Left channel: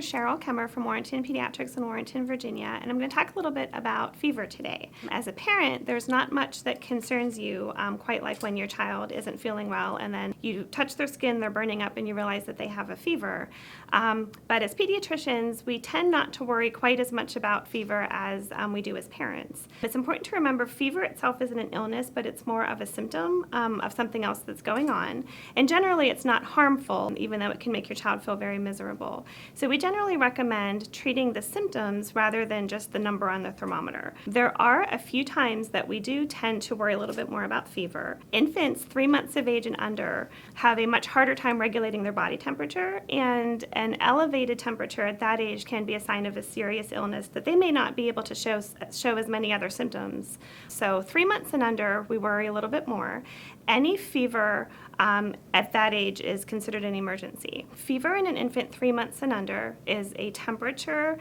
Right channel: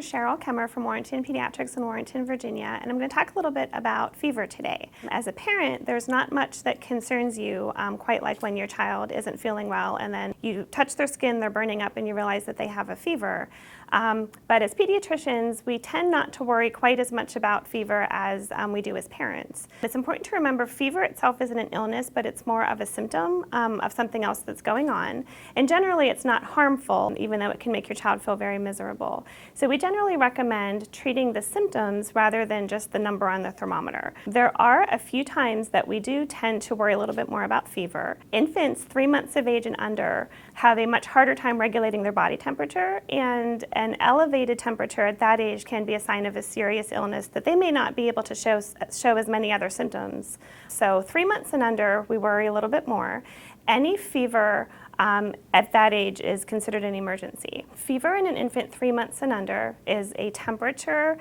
Dr. Cheryl Kemmer from Warrenton Pediatrics in Warrenton, Virginia, and I'm going to talk a little bit about fever today. As a parent, there's not much that concerns you quite like when your child isn't feeling well and then you touch their skin, they're burning up, and you realize that they have a fever. But as pediatricians, we tend not to worry quite as much about fever as we do as parents. It's important to remember fever itself isn't an illness, but it's more of a symptom of something else that's going on. And generally, it's not harmful, even though it can make your child feel very miserable. So we generally recommend treating the symptoms rather than just the number on the thermometer. There are a few times that we do tend to worry a little bit more about fever. Infants 3 months of age and under have a much harder time regulating their body temperature, and an elevated temperature at that age can be a sign of a serious illness that they may not be able to show as many other symptoms. So 3 months and under, we worry a little bit more. Any fever at that age is considered an emergency. Fever in an infant 3 months and under is a temperature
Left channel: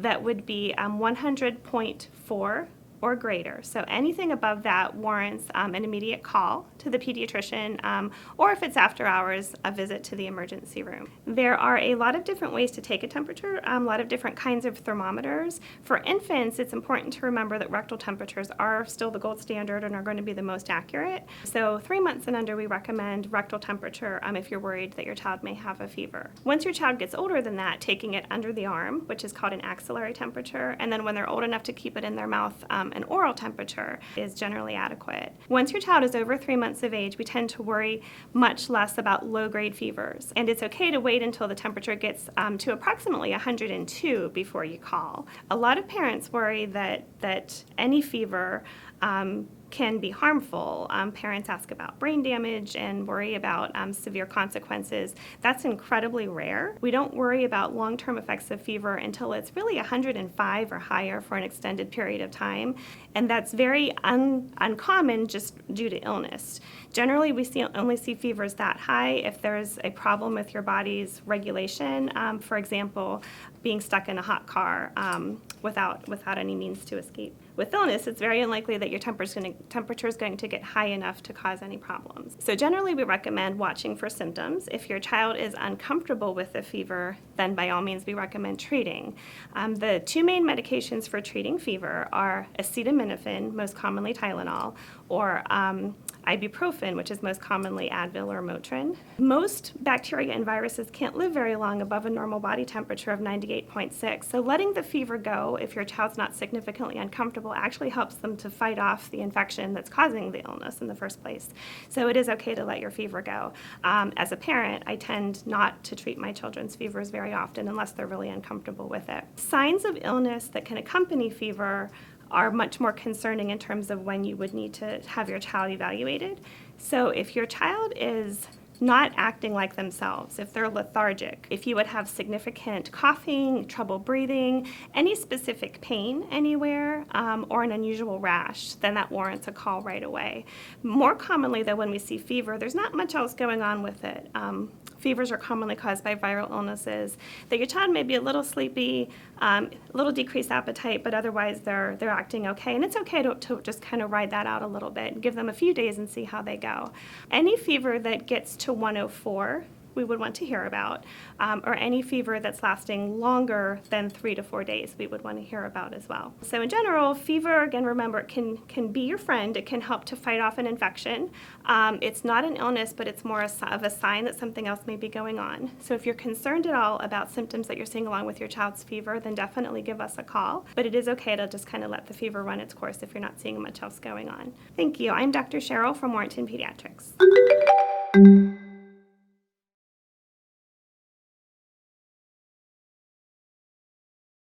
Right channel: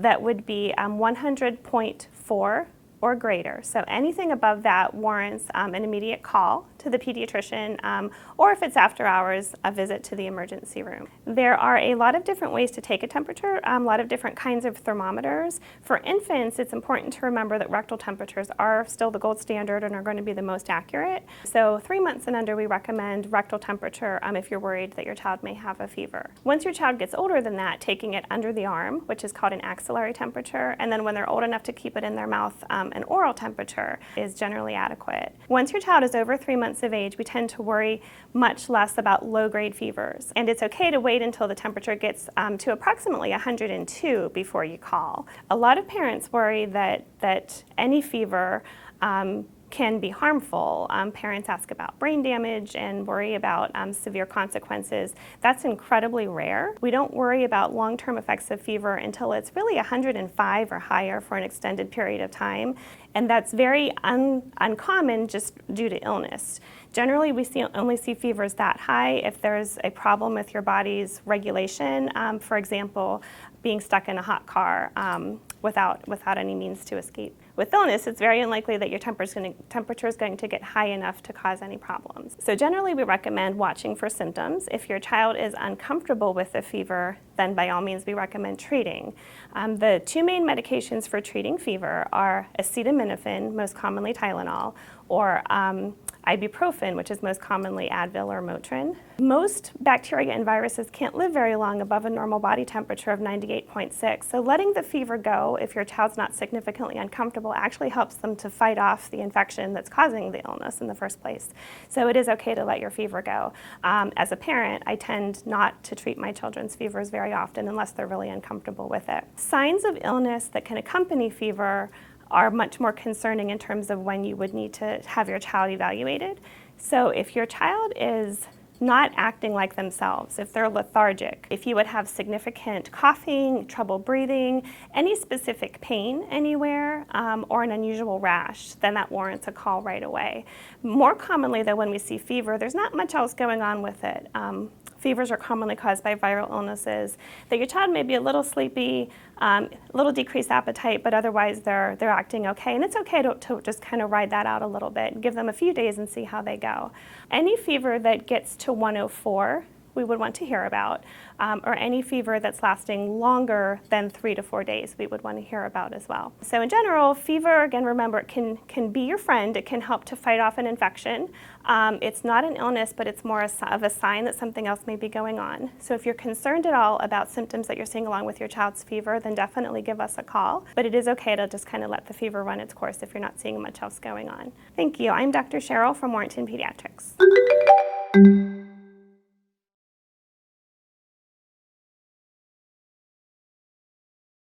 that would be 100.4 or greater. So anything above that warrants an immediate call to the pediatrician, or if it's after hours, a visit to the emergency room. There are a lot of different ways to take a temperature, a lot of different kinds of thermometers. For infants, it's important to remember that rectal temperatures are still the gold standard and are going to be the most accurate. So 3 months and under, we recommend rectal temperature if you're worried that your child may have a fever. Once your child gets older than that, taking it under the arm, which is called an axillary temperature, and then when they're old enough to keep it in their mouth, an oral temperature is generally adequate. Once your child is over 3 months of age, we tend to worry much less about low-grade fevers. And it's okay to wait until the temperature gets to approximately 102 before you call. A lot of parents worry that any fever can be harmful. Parents ask about brain damage and worry about severe consequences. That's incredibly rare. We don't worry about long-term effects of fever until it's really 105 or higher for an extended period of time, and that's very uncommon just due to illness. Generally, we only see fevers that high if there's a problem with your body's regulation, for example, being stuck in a hot car without any means to escape. With illness, it's very unlikely that your temperature is going to get high enough to cause any problems. So generally, we recommend watching for symptoms. If your child is uncomfortable with the fever, then by all means, we recommend treating. The two main medications for treating fever are acetaminophen, most commonly Tylenol, or ibuprofen, which is most commonly Advil or Motrin. Most bacteria and viruses can't live very long above a normal body temperature of 98.6, so letting the fever go if your child's not significantly uncomfortable actually helps them to fight off the infection that's causing the illness in the first place. So it is okay to let your fever go. As a parent, I tend not to treat my children's fevers very often unless they're really uncomfortable with it. Signs of illness that can accompany fever are much more concerning in terms of when you would need to have your child evaluated. So if your child is not acting like themselves, if they're lethargic, if you would have significant coughing, trouble breathing, any specific pain anywhere, or an unusual rash, then that warrants a call right away. More commonly, though, when we see fever, there's not much else going on with it. Fevers are commonly caused by viral illnesses, that your child may be a little sleepy, a little decreased appetite, but otherwise they're acting okay. And it's okay to just kind of ride that out a little bit, give them a few days and see how they go. Any fever that gets to 104, we would want to hear about, or any fever that's lasting longer than 3 to 4 days, we would want to hear about as well. So in general, fever, again, remember, it can be your friend. It can help to fight off an infection. It's not an illness, but it's more of a sign that something else may be going on. So if you're concerned at all about symptoms that you're seeing along with your child's fever, then definitely give us a call. But it is okay to just kind of let the fever run its course if you're not seeing much else going on. Thank you. I'm Dr. Cheryl from Warrenton Pediatrics.